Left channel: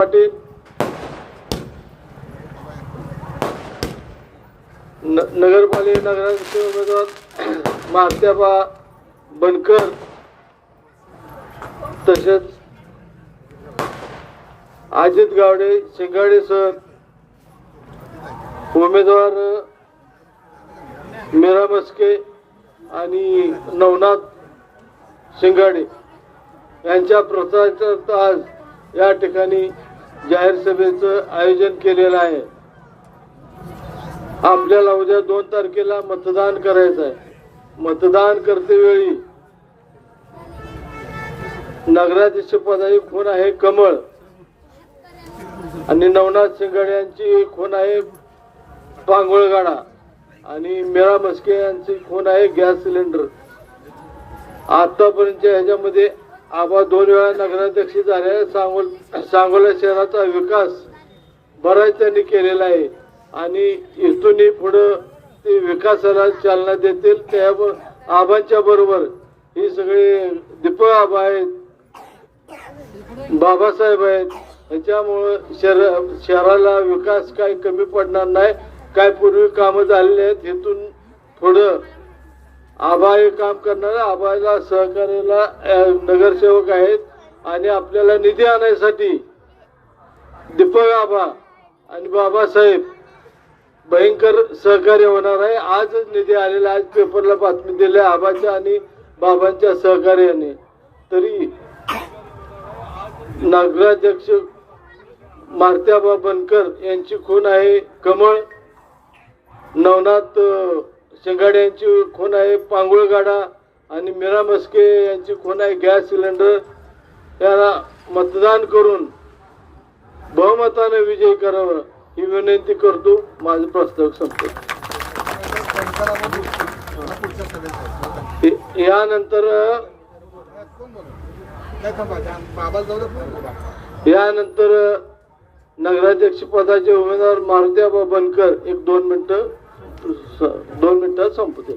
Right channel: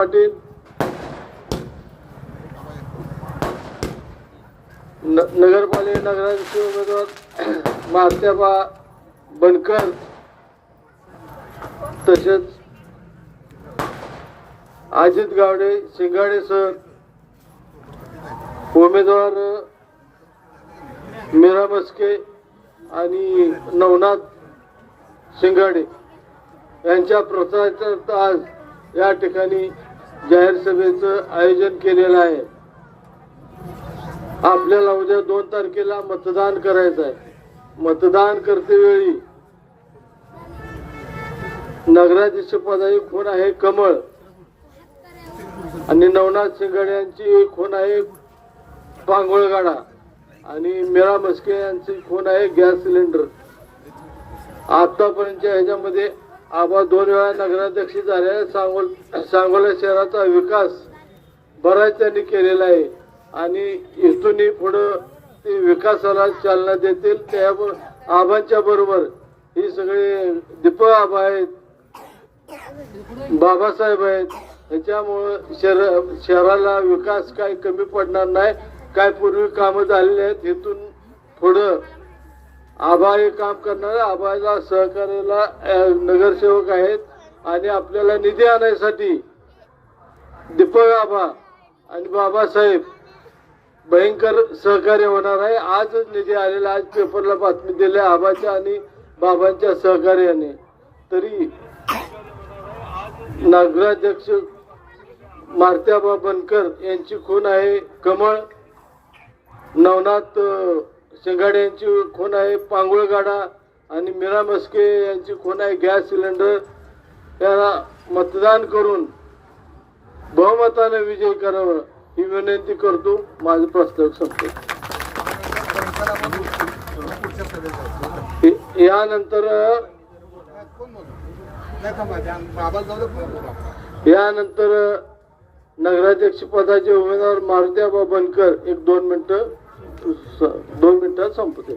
पाटील. नगरपालिका नगराचे उमेदवार महात्याबा बनकर तसेच अजित गावडे शिंगाडे सर उमेदवार मीरा मस्के आणि नवनाथ शिंगाडे यांच्या प्रसाराचा आज या ठिकाणी जाहीर सभेचं आयोजन केलेलं आहे. आपल्याला उद्या दोन तारखेला मतदान करायचं आहे. मतदान करतेवेळी नगराध्यक्ष पदाची खून आहे कमळ. आणि नवनाथ शिंगाडे यांची खून आहे पांगोळगाडा. आणि मेळा मस्के यांची खून आहे गॅस सिलेंडर. आतापर्यंतच्या ह्याच्यामध्ये आबा दोन वेळा नगराध्यक्ष झाले. सांगोल सांगोला शहराचा विकास बऱ्याच त्यांनी केलेला आहे. आणि इथूनही पुढं ते विकासाला चालना देतील. त्या आबांच्या बरोबर ही सगळी दीपक आबा आहेत बाबासाहेब आहेत. ह्याच्यामुळं शहर शहराला विकास काय कमी पडणार नाही काय पूर्वी कामं झालेली आहेत इथून पुढं आबा हे काम करणारे आबाला सहकार्याला नगरसेवक आहेत आणि आपल्याला निधी आणण्यासाठी दीपक आबा आणि बाबासाहेब भयंकर सहकार्य होणार आहे. आजच निधी आलेला आज पेपरला बातमी दिली. आबाच्या आणि बाबांच्या सहकार्याने. तरी नगराध्यक्ष मारत्याबा बनकर यांची खून आहे. कमळ नवनाथ शिंगाडे यांची खून आहे पांगुळगाडा आणि मीरा मस्के यांची खून आहे गॅस सिलेंडर. यांना मतदान करून बहुमताने विजय करावा ही विनंती करतो. माझं प्रस्ताव संपतो. यानंतर यानंतर नगराध्यक्ष पदाचे उमेदवार मारुत्याबा बनकर एक दोन मिनिटं. दोन मिनिटात संपते.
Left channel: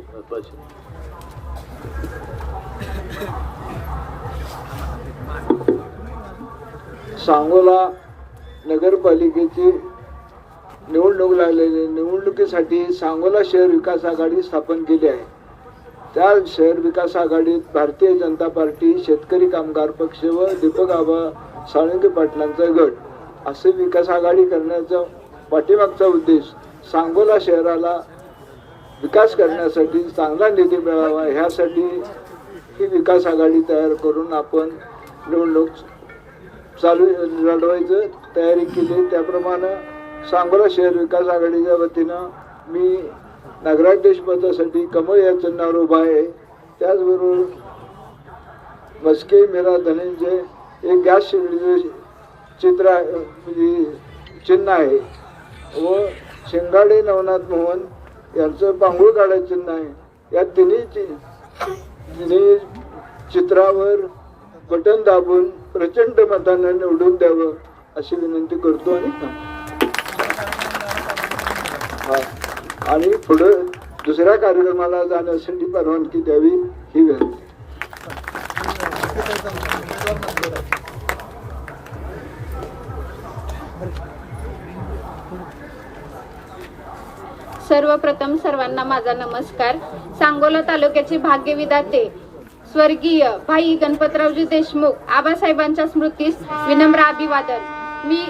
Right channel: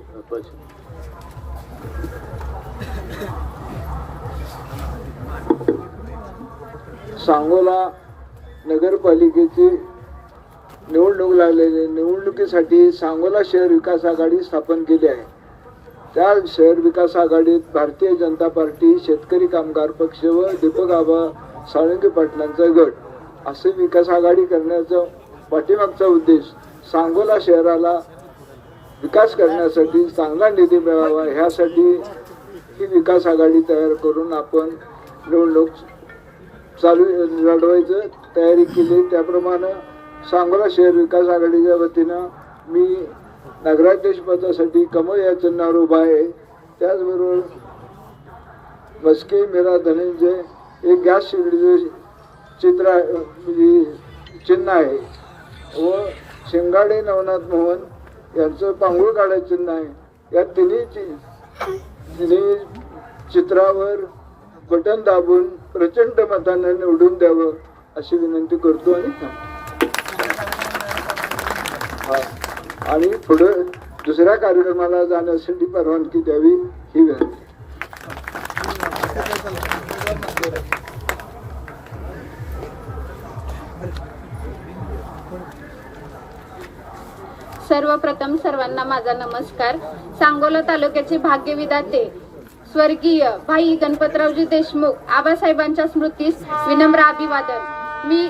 सांगोला नगरपालिकेची निवडणूक लागलेली निवडणुकीसाठी सांगोला शहर विकास आघाडी स्थापन केली आहे. त्या शहर विकास आघाडीत भारतीय जनता पार्टी शेतकरी कामगार पक्ष व दीपक आबा साळुंके पाटलांचा गट. असे विकास आघाडी करण्याचा पाठीमागचा उद्देश सांगोला शहराला विकास करण्यासाठी चांगला निधी मिळावा ह्यासाठी ही विकास आघाडी तयार करून आपण निवडणूक चालू लढवायचं तयारी केली. त्याप्रमाणे सांगोला शहर विकास आघाडीच्या वतीनं मी नगराध्यक्ष पदासाठी कमळ या चिन्हावर उभा आहे. त्याचबरोबर मस्के मेरा धनंजय एक गॅस सिलेंडरचे चित्र आहे म्हणजे चिन्ह आहे. व शेंगाडे नवनाथ मोहन यांचं बांगूळ काढायचं नाही. या तिन्ही चित्रावर बटन दाबून प्रचंड मतानं निवडून द्यावं अशी विनंती करतो आणि आणि पुढं दुसऱ्या कार्यक्रमाला जाण्यासाठी परवानगी द्यावी ही विनंती. सर्वप्रथम सर्वांना माझा नमस्कार. सांगोला तालुक्याचे भाग्यविदाते स्वर्गीय भाई गणपतरावजी देशमुख आबासाहेबांच्या स्मृतीस विनम्र अभिवादन. मी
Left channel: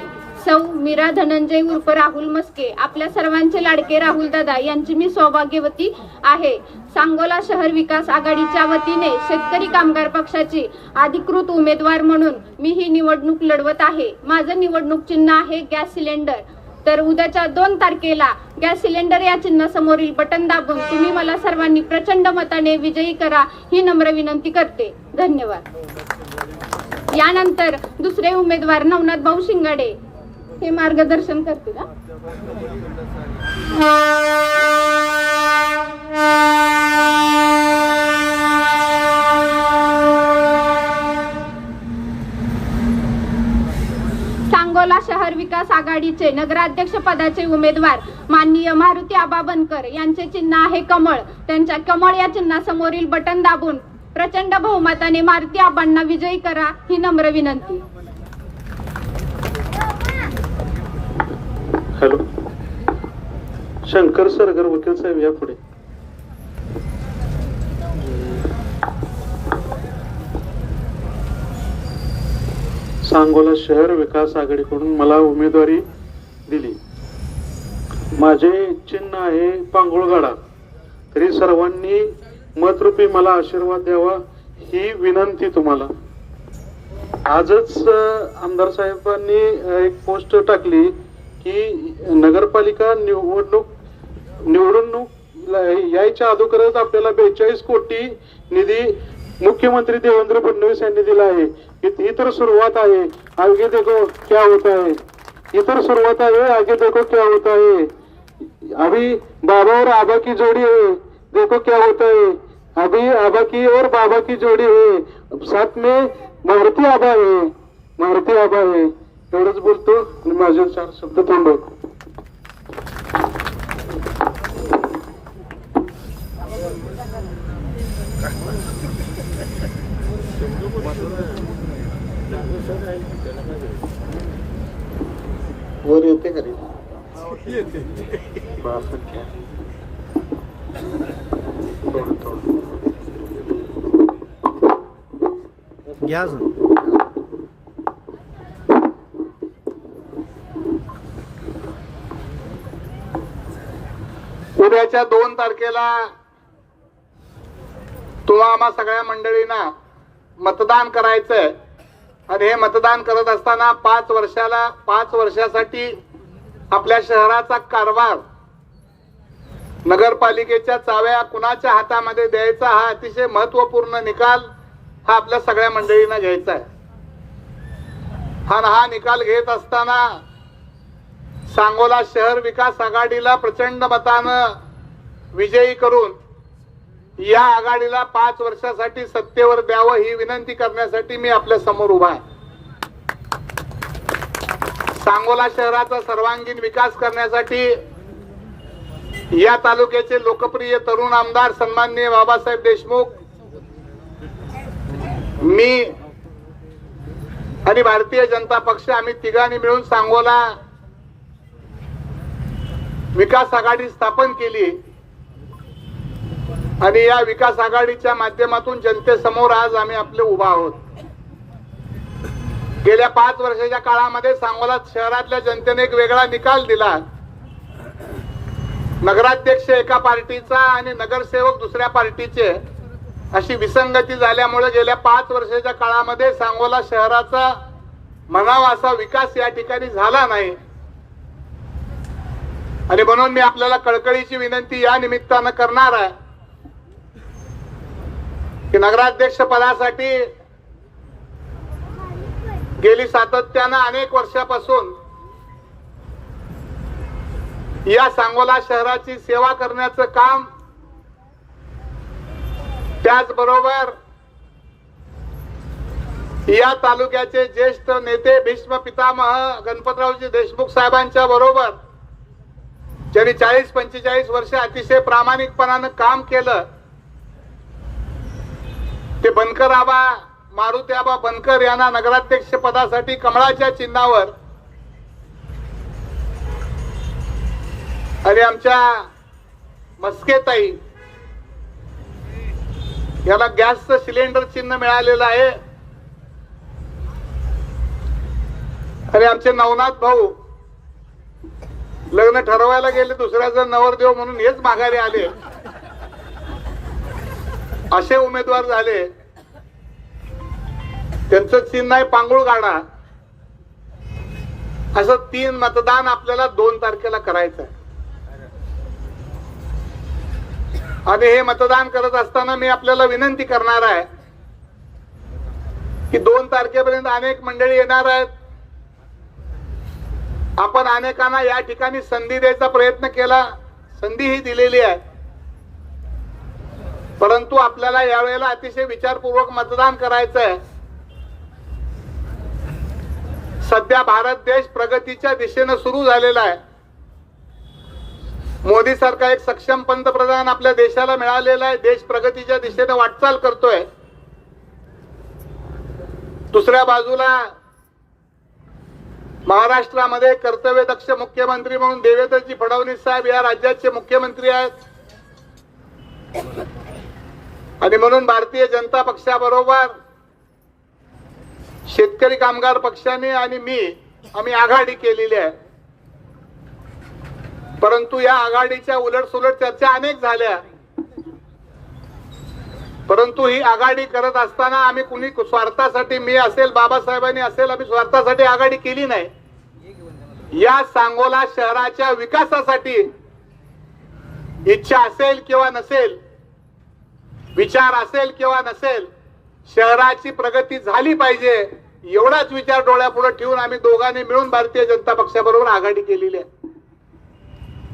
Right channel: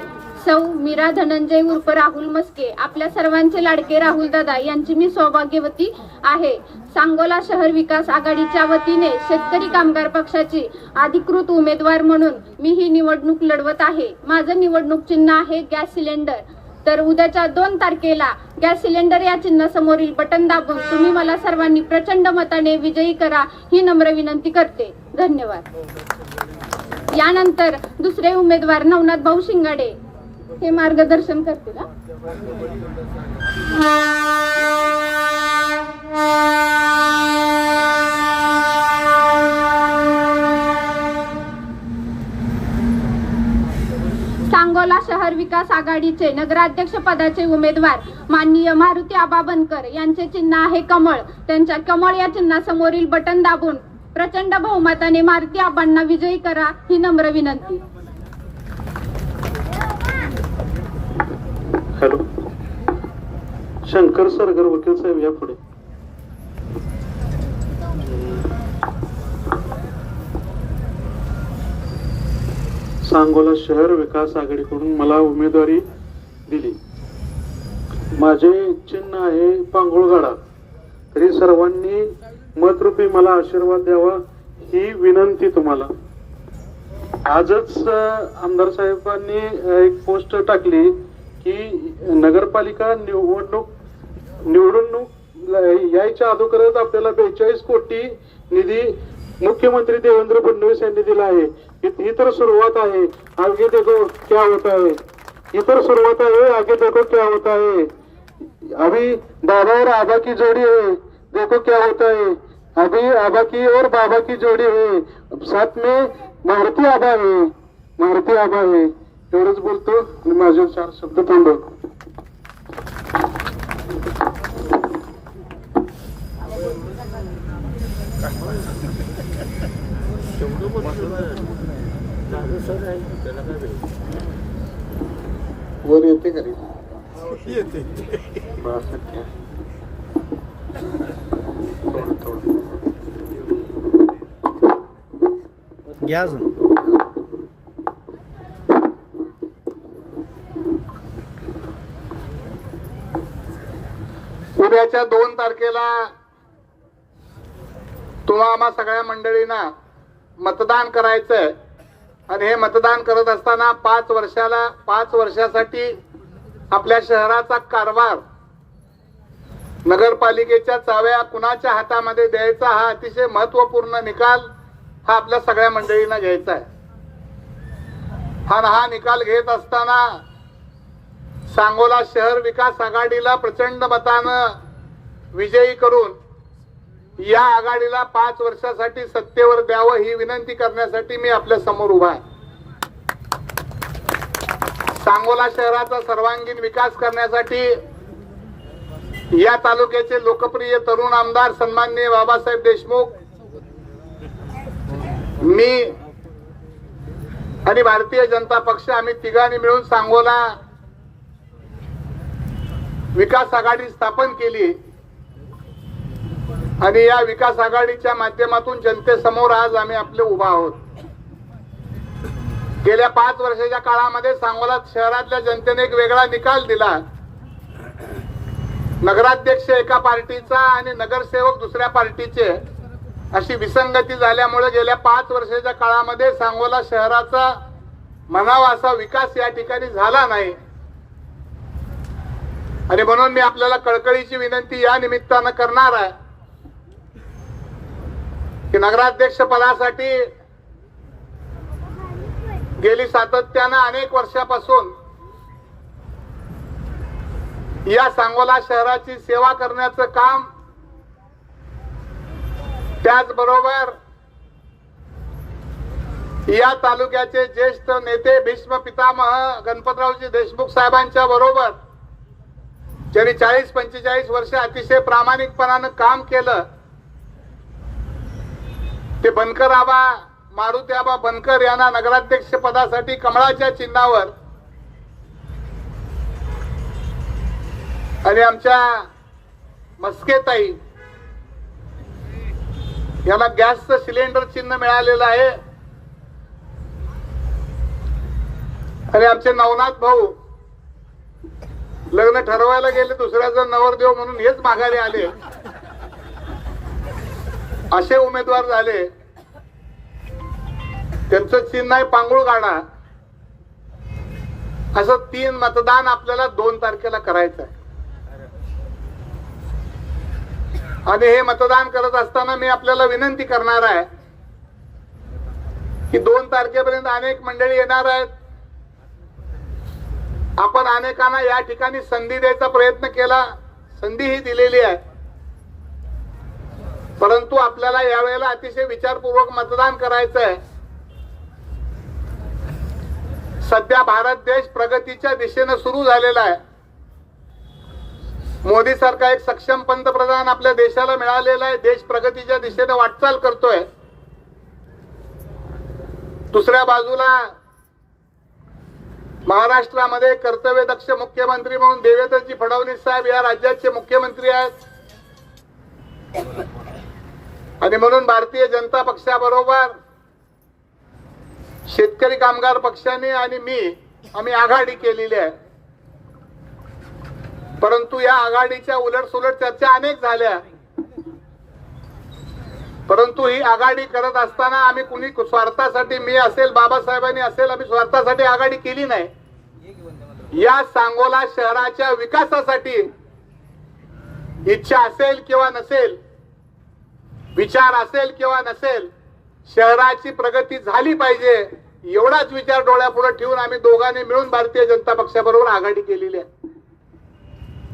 सौ मीरा धनंजय उर्फ राहुल मस्के आपल्या सर्वांचे लाडके राहुल दादा यांची मी सौभाग्यवती आहे. सांगोला शहर विकास आघाडीच्या वतीने शेतकरी कामगार पक्षाची अधिकृत उमेदवार म्हणून मी ही निवडणूक लढवत आहे. माझं निवडणूक चिन्ह आहे गॅस सिलेंडर. तर उद्याच्या दोन तारखेला गॅस सिलेंडर या चिन्हासमोरील बटन दाबून तुम्ही मला सर्वांनी प्रचंड मताने विजयी करा ही नम्र विनंती करते. धन्यवाद. यानंतर दुसरे उमेदवार नवनाथ भाऊ शिंगाडे हे मार्गदर्शन करतील आघाडीचे नगराध्यक्ष पदाचे उमेदवार माननीय मारुती आबा बनकर यांचे चिन्ह आहे कमळ. त्यांच्या कमळ या चिन्हासमोरील बटन दाबून प्रचंड बहुमताने मारुती आबांना विजयी करा ही नम्र विनंती. हॅलो. शंकर सरगर वकील साहेब या पुढे. सांगोला शहर विकास आघाडीकडून मला उमेदवारी दिली. माझे चिन्ह आहे पांगुळगाडा. तरी सर्वांनी मतरूपी मला आशीर्वाद द्यावा ही विनंती तुम्हाला. आजच आमदार साहेबांनी एक पोस्ट टाकली की नगरपालिका निवडणूक निवडणूक यायच्या अगोदरच आपल्याला बेचाळीस कोटी निधी मुख्यमंत्री देवेंद्र फडणवीस यांनी दिला आहे. ही तर सुरुवात आहे. आगे देखो क्या होता है. ही तर सुरुवात आहे आगे देखो क्या होता है. अभी बाबा और आबा की जोड़ी है देखो क्या होता है. अभी आबा की और बाबा की जोड़ी है. साथ में मारुती आबा है मारुती आबा है. एवढंच बोलतो आणि माझे चार शब्द थांबवतो. वर येते का? घ्या उद्याच्या दोन तारखेला तुम्हा आम्हा सगळ्या मंडळींना मतदान करायचंय. आणि हे मतदान करत असताना पाच वर्षाला पाच वर्षासाठी आपल्या शहराचा कारभार नगरपालिकेच्या चाव्या कुणाच्या हातामध्ये द्यायचा हा अतिशय महत्त्वपूर्ण निकाल हा आपल्या सगळ्या मंडळींना घ्यायचा आहे. आणि हा निकाल घेत असताना सांगोला शहर विकास आघाडीला प्रचंड मतानं विजयी करून या आघाडीला पाच वर्षासाठी सत्तेवर द्यावं ही विनंती करण्यासाठी मी आपल्यासमोर उभा आहे. सांगोला शहराचा सर्वांगीण विकास करण्यासाठी या तालुक्याचे लोकप्रिय तरुण आमदार सन्माननीय बाबासाहेब देशमुख मी आणि भारतीय जनता पक्ष आम्ही तिघांनी मिळून सांगोला विकास आघाडी स्थापन केली. आणि या विकास आघाडीच्या माध्यमातून जनतेसमोर आज आम्ही आपले उभा आहोत. गेल्या पाच वर्षाच्या काळामध्ये सांगोला शहरातल्या जनतेने एक वेगळा निकाल दिला. नगराध्यक्ष एका पार्टीचा आणि नगरसेवक दुसऱ्या पार्टीचे. अशी विसंगती झाल्यामुळे गेल्या पाच वर्षाच्या काळामध्ये सांगोला शहराचा म्हणावा असा विकास या ठिकाणी झाला नाही. आणि म्हणून मी आपल्याला कळकळीची विनंती या निमित्तानं करणार आहे. की नगराध्यक्ष पदासाठी गेली सातत्यानं अनेक वर्षापासून या सांगोला शहराची सेवा करण्याचं काम त्याचबरोबर या तालुक्याचे ज्येष्ठ नेते भीष्म पितामह गणपतरावजी देशमुख साहेबांच्या बरोबर ज्यांनी चाळीस पंचेचाळीस वर्ष अतिशय प्रामाणिकपणानं काम केलं ते बनकर आबा मारुती आबा बनकर यांना नगराध्यक्ष पदासाठी कमळाच्या चिन्हावर. आणि आमच्या मस्केताई याला गॅसचं सिलेंडर चिन्ह मिळालेलं आहे. आणि आमचे नवनाथ भाऊ लग्न ठरवायला गेले दुसऱ्याचं नवरदेव म्हणून हेच माघारी आले. असे उमेदवार झाले. त्यांचं चिन्ह आहे पांगुळ गाडा. असं तीन मतदान आपल्याला दोन तारखेला करायचं आणि हे मतदान करत असताना मी आपल्याला विनंती करणार आहे की दोन तारखेपर्यंत अनेक मंडळी येणार आहेत. आपण अनेकांना या ठिकाणी संधी द्यायचा प्रयत्न केला. संधी ही दिलेली आहे. परंतु आपल्याला यावेळेला अतिशय विचारपूर्वक मतदान करायचं आहे सध्या भारत देश प्रगतीच्या दिशेनं सुरू झालेला आहे. मोदी सरकार एक सक्षम पंतप्रधान आपल्या देशाला मिळालेला आहे. देश प्रगतीच्या दिशेने वाटचाल करतोय. दुसऱ्या बाजूला महाराष्ट्रामध्ये कर्तव्यदक्ष मुख्यमंत्री म्हणून देवेंद्रजी फडणवीस साहेब या राज्याचे मुख्यमंत्री आहेत. आणि म्हणून भारतीय जनता पक्षाबरोबर शेतकरी कामगार पक्षाने आणि मी आम्ही आघाडी केलेली आहे. परंतु या आघाडीच्या उलट सुलट चर्चा अनेक झाल्या. परंतु ही आघाडी करत असताना आम्ही कुणी स्वार्थासाठी मी असेल बाबासाहेबांनी असेल आम्ही स्वार्थासाठी आघाडी केली नाही. या सांगोला शहराच्या विकासासाठी इच्छा असेल किंवा नसेल विचार असेल किंवा नसेल शहराची प्रगती झाली पाहिजे एवढाच विचार डोळ्यापुढे ठेवून आम्ही दोघांनी मिळून भारतीय जनता पक्षाबरोबर आघाडी केलेली आहे.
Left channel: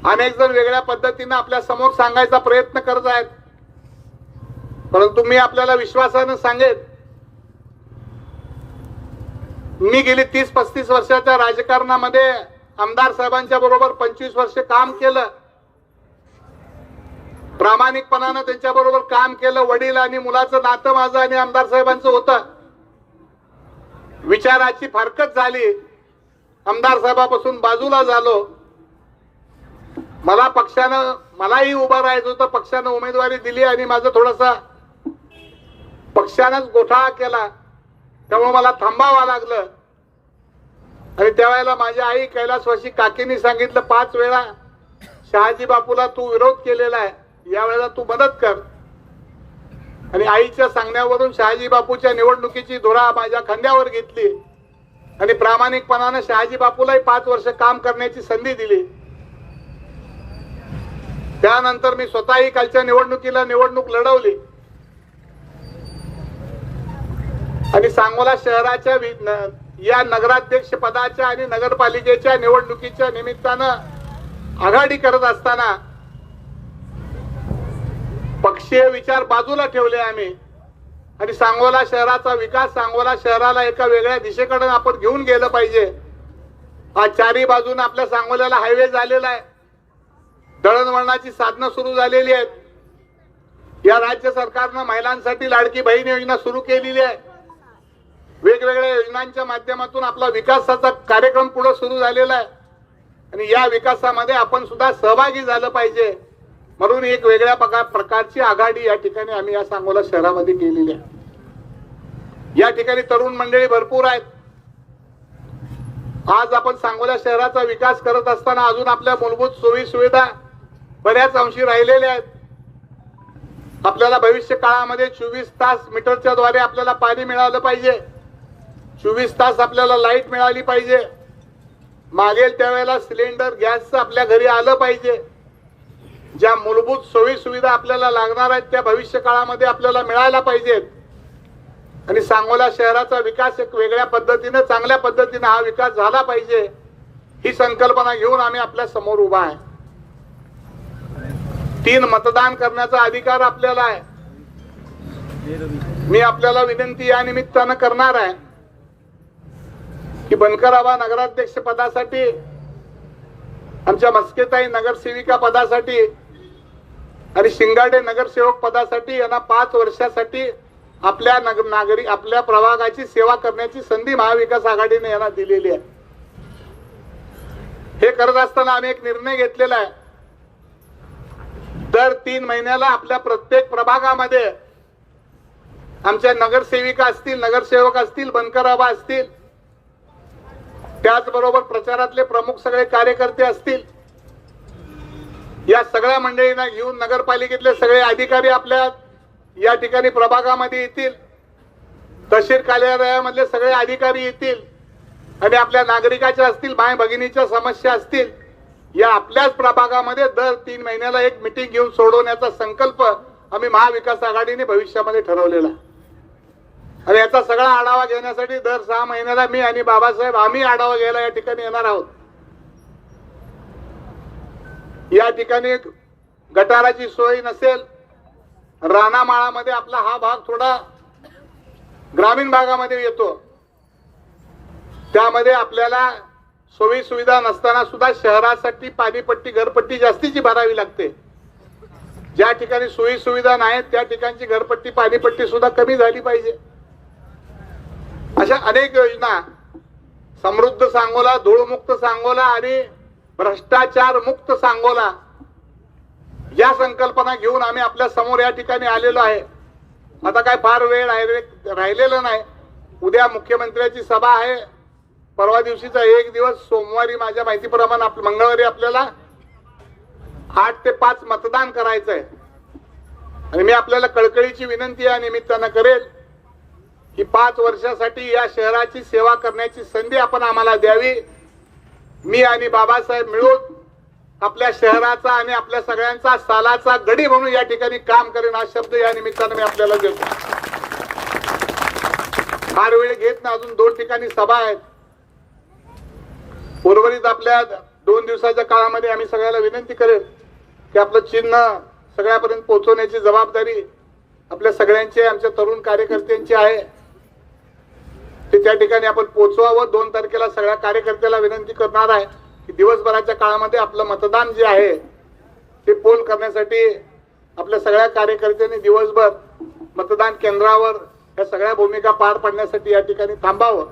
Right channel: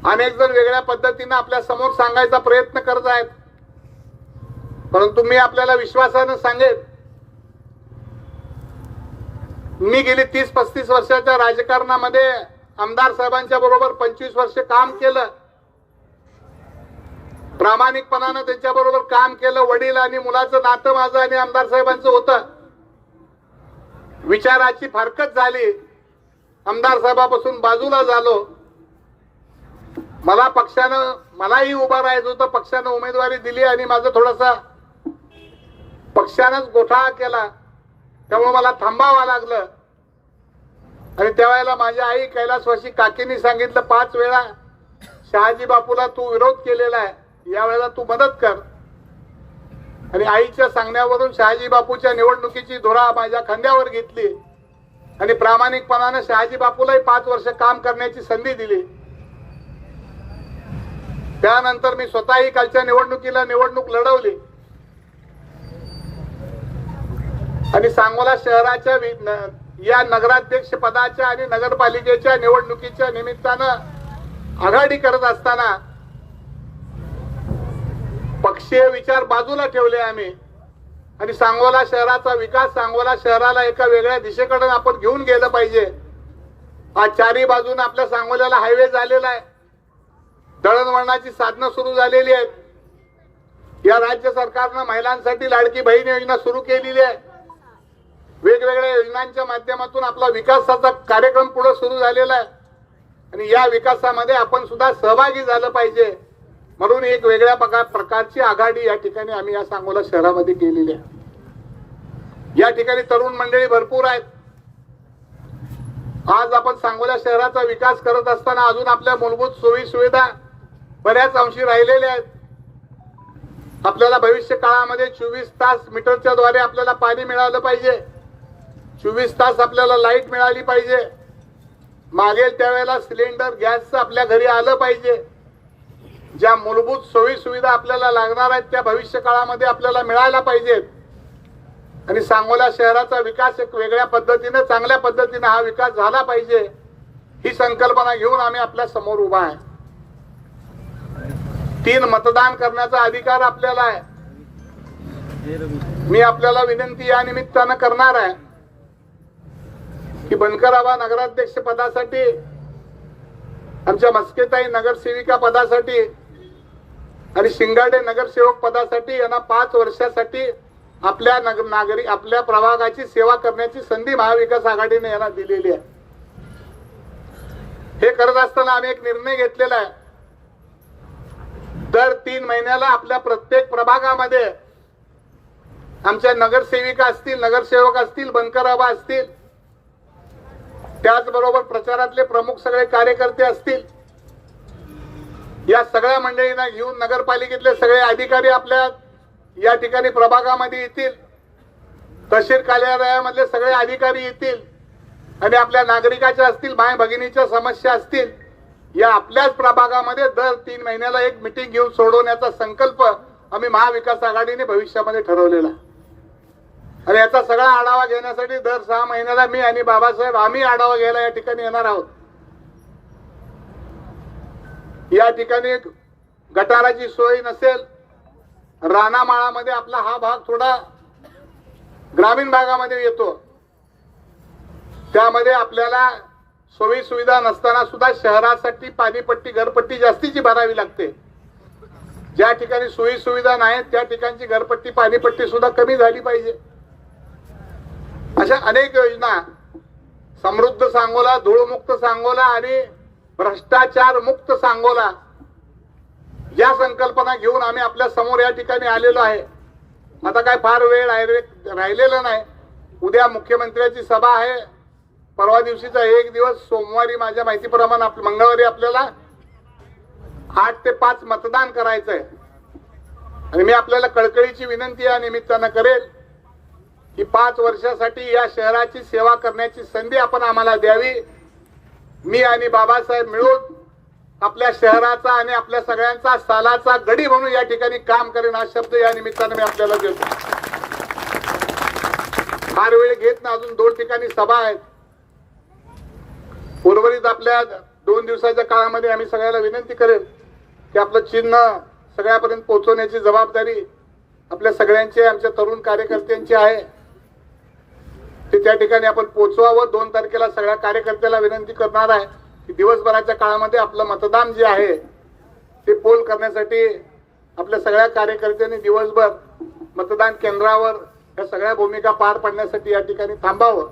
अनेक जण वेगळ्या पद्धतीनं आपल्यासमोर सांगायचा प्रयत्न करत आहेत. परंतु मी आपल्याला विश्वासानं सांगेन मी गेली तीस पस्तीस वर्षाच्या राजकारणामध्ये आमदार साहेबांच्या बरोबर पंचवीस वर्ष काम केलं. प्रामाणिकपणानं त्यांच्याबरोबर काम केलं वडील आणि मुलाचं नातं माझं आणि आमदार साहेबांचं होतं. विचाराची फारकत झाली. आमदार साहेबापासून बाजूला झालो. मला पक्षानं मलाही उभं राहायचं होतं. पक्षानं उमेदवारी दिली आणि माझं थोडासा पक्षानंच गोठाळा केला. त्यामुळे मला थांबावं लागलं. आणि त्यावेळेला माझी आई कैलासवाशी काकींनी सांगितलं पाच वेळा शहाजी बापूला तू विरोध केलेला आहे. यावेळेला तू मदत कर. आणि आईच्या सांगण्यावरून शहाजी बापूच्या निवडणुकीची धुरा माझ्या खांद्यावर घेतली. आणि प्रामाणिकपणानं शहाजी बापूलाही पाच वर्ष काम करण्याची संधी दिली. त्यानंतर मी स्वतःही कालच्या निवडणुकीला निवडणूक लढवली. आणि सांगोला शहराच्या वि- न- या नगराध्यक्ष पदाच्या आणि नगरपालिकेच्या निवडणुकीच्या निमित्तानं आघाडी करत असताना पक्षीय विचार बाजूला ठेवले आम्ही. आणि सांगोला शहराचा विकास सांगोला शहराला एका वेगळ्या दिशेकडे आपण घेऊन गेलं पाहिजे. आज चारी बाजून आपल्या सांगोल्याला हायवे झालेला आहे. दळणवळणाची साधनं सुरू झालेली आहेत. या राज्य सरकारनं महिलांसाठी लाडकी बहीण योजना सुरू केलेली आहे. वेगवेगळ्या योजनांच्या माध्यमातून आपला विकासाचा कार्यक्रम पुढे सुरू झालेला आहे. आणि या विकासामध्ये आपण सुद्धा सहभागी झालं पाहिजे. म्हणून एक वेगळ्या प्रकार प्रकारची आघाडी या ठिकाणी आम्ही या सांगोला शहरामध्ये केलेली आहे. या ठिकाणी तरुण मंडळी भरपूर आहेत. आज आपण सांगोला शहराचा विकास करत असताना अजून आपल्या मूलभूत सोयी सुविधा बऱ्याच अंशी राहिलेल्या आहेत. आपल्याला भविष्य काळामध्ये चोवीस तास मीटरच्या द्वारे आपल्याला पाणी मिळालं पाहिजे. चोवीस तास आपल्याला लाइट मिळाली पाहिजे. मागेल त्यावेळेला सिलेंडर गॅसचं आपल्या घरी आलं पाहिजे. ज्या मूलभूत सोयी सुविधा आपल्याला लागणार आहेत त्या भविष्य काळामध्ये आपल्याला मिळायला पाहिजेत. आणि सांगोला शहराचा विकास एक वेगळ्या पद्धतीने चांगल्या पद्धतीने हा विकास झाला पाहिजे ही संकल्पना घेऊन आम्ही आपल्यासमोर उभा आहे. तीन मतदान करण्याचा अधिकार आपल्याला आहे. मी आपल्याला विनंती या निमित्तानं करणार आहे की बनकराबा नगराध्यक्ष पदासाठी आमच्या मस्केताई नगरसेविका पदासाठी आणि शिंगाडे नगरसेवक पदासाठी यांना पाच वर्षासाठी आपल्या नगर नागरिक आपल्या प्रभागाची सेवा करण्याची संधी महाविकास आघाडीने यांना दिलेली आहे. हे करत असताना आम्ही एक निर्णय घेतलेला आहे. दर तीन महिन्याला आपल्या प्रत्येक प्रभागामध्ये आमच्या नगरसेविका असतील नगरसेवक असतील बनकराबा असतील त्याचबरोबर प्रचारातले प्रमुख सगळे कार्यकर्ते असतील. या सगळ्या मंडळींना घेऊन नगरपालिकेतले सगळे अधिकारी आपल्या या ठिकाणी प्रभागामध्ये येतील. तहसील कार्यालयामधले सगळे अधिकारी येतील. आणि आपल्या नागरिकाच्या असतील माय भगिनीच्या समस्या असतील या आपल्याच प्रभागामध्ये दर तीन महिन्याला एक मिटिंग घेऊन सोडवण्याचा संकल्प आम्ही महाविकास आघाडीने भविष्यामध्ये ठरवलेला आहे. आणि याचा सगळा आढावा घेण्यासाठी दर सहा महिन्याला मी आणि बाबासाहेब आम्ही आढावा घ्यायला या ठिकाणी येणार आहोत. या ठिकाणी गटाराची सोय नसेल रानामाळामध्ये आपला हा भाग थोडा ग्रामीण भागामध्ये येतो. त्यामध्ये आपल्याला सोयी सुविधा नसताना सुद्धा शहरासाठी पाणीपट्टी घरपट्टी जास्तीची भरावी लागते. ज्या ठिकाणी सोयी सुविधा नाहीत त्या ठिकाणची घरपट्टी पाणीपट्टी सुद्धा कमी झाली पाहिजे. अशा अनेक योजना. समृद्ध सांगोला धूळमुक्त सांगोला आणि भ्रष्टाचार मुक्त सांगोला. या संकल्पना घेऊन आम्ही आपल्यासमोर या ठिकाणी आलेलो आहे. आता काय फार वेळ राहिले- राहिलेला नाही. उद्या मुख्यमंत्र्याची सभा आहे. परवा दिवशीचा एक दिवस सोमवारी माझ्या माहितीप्रमाणे आप- मंगळवारी आपल्याला आठ ते पाच मतदान करायचं आहे आणि मी आपल्याला कळकळीची विनंती या निमित्तानं करेल. की पाच वर्षासाठी या शहराची सेवा करण्याची संधी आपण आम्हाला द्यावी. मी आणि बाबासाहेब मिळून आपल्या शहराचा आणि आपल्या सगळ्यांचा सालाचा गडी म्हणून या ठिकाणी काम करेन हा शब्द या निमित्तानं मी आपल्याला देतो. फार वेळ घेत ना अजून दोन ठिकाणी सभा आहेत. उर्वरित आपल्या दोन दिवसाच्या काळामध्ये आम्ही सगळ्याला विनंती करेल की आपलं चिन्ह सगळ्यापर्यंत पोहोचवण्याची जबाबदारी आपल्या सगळ्यांची आमच्या तरुण कार्यकर्त्यांची आहे. त्या ठिकाणी आपण पोचवावं. दोन तारखेला सगळ्या कार्यकर्त्याला विनंती करणार आहे की दिवसभराच्या काळामध्ये आपलं मतदान जे आहे ते पोल करण्यासाठी आपल्या सगळ्या कार्यकर्त्यांनी दिवसभर मतदान केंद्रावर या सगळ्या भूमिका पार पाडण्यासाठी या ठिकाणी थांबावं.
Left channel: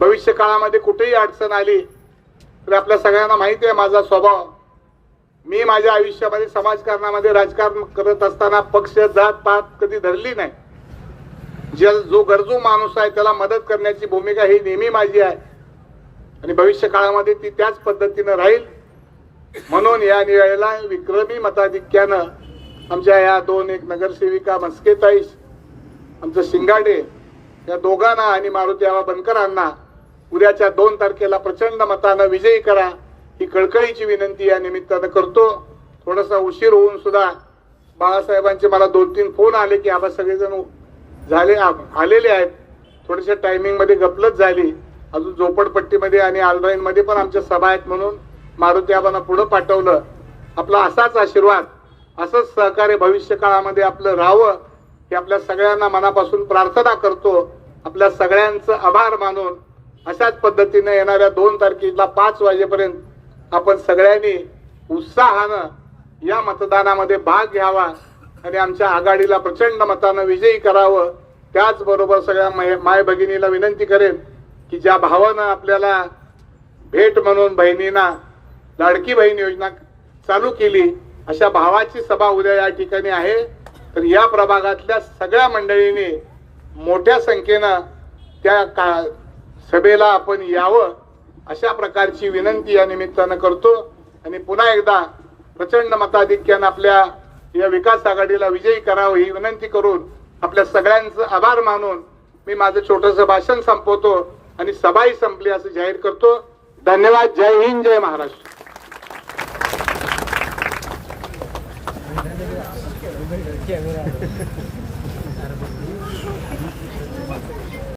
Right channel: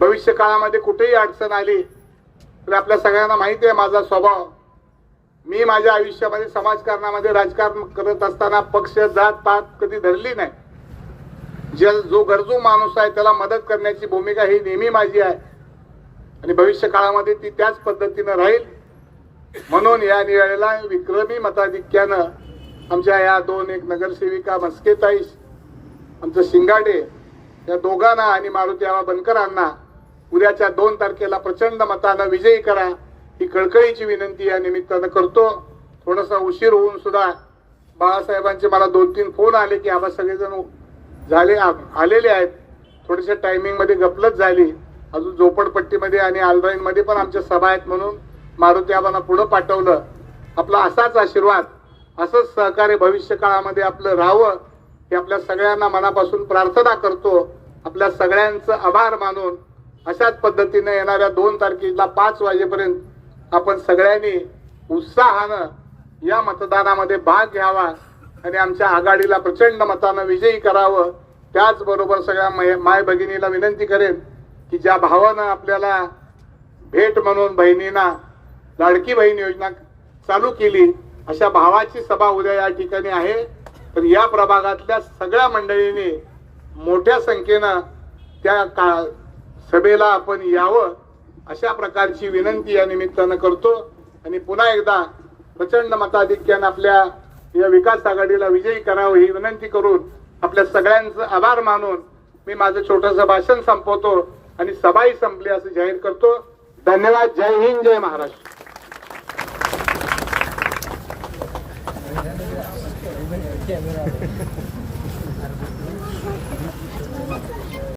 भविष्य काळामध्ये कुठेही अडचण आली तर आपल्या सगळ्यांना माहिती आहे माझा स्वभाव. मी माझ्या आयुष्यामध्ये समाजकारणामध्ये राजकारण करत असताना पक्ष जात पात कधी धरली नाही. जे जो गरजू माणूस आहे त्याला मदत करण्याची भूमिका ही नेहमी माझी आहे. आणि भविष्य काळामध्ये ती त्याच पद्धतीनं राहील. म्हणून या वेळेला विक्रमी मताधिक्यानं आमच्या या दोन एक नगरसेविका मस्केताईस आमचं सिंगाडे या दोघांना आणि मारुती आवा बनकरांना उद्याच्या दोन तारखेला प्रचंड मतानं विजयी करा ही कळकळीची विनंती या निमित्तानं करतो. थोडासा उशीर होऊन सुद्धा बाळासाहेबांचे मला दोन तीन फोन आले की आपण सगळेजण झाले आ- आलेले आहेत. थोडीशा टायमिंगमध्ये गपलत झाली. अजून झोपडपट्टीमध्ये आणि आलराईनमध्ये पण आमच्या सभा आहेत म्हणून मारुती आबांना पुढं पाठवलं. आपला असाच आशीर्वाद असंच सहकार्य भविष्य काळामध्ये आपलं राहावं हे आपल्या सगळ्यांना मनापासून प्रार्थना करतो. आपल्या सगळ्यांचं आभार मानून अशाच पद्धतीनं येणाऱ्या दोन तारखेला पाच वाजेपर्यंत आपण सगळ्यांनी उत्साहानं या मतदानामध्ये भाग घ्यावा. आणि आमच्या आघाडीला प्रचंड मतानं विजयी करावं त्याचबरोबर सगळ्या माय माय भगिनीला विनंती करेन की ज्या भावानं आपल्याला भेट म्हणून बहिणींना लाडकी बहीण योजना चालू केली अशा भावाची सभा उद्या या ठिकाणी आहे. तर या प्रभागातल्या सगळ्या मंडळींनी मोठ्या संख्येनं त्या का सभेला आपण यावं अशा प्रकारची विनंती या निमित्तानं करतो. आणि पुन्हा एकदा प्रचंड मताधिक्यानं आपल्या या विकास आघाडीला विजयी करावं ही विनंती करून आपल्या सगळ्यांचं आभार मानून मी माझं छोटंसं भाषण संपवतो आणि सभाही संपली असं जाहीर करतो. धन्यवाद. जय हिंद जय महाराष्ट्र. कॅमेरा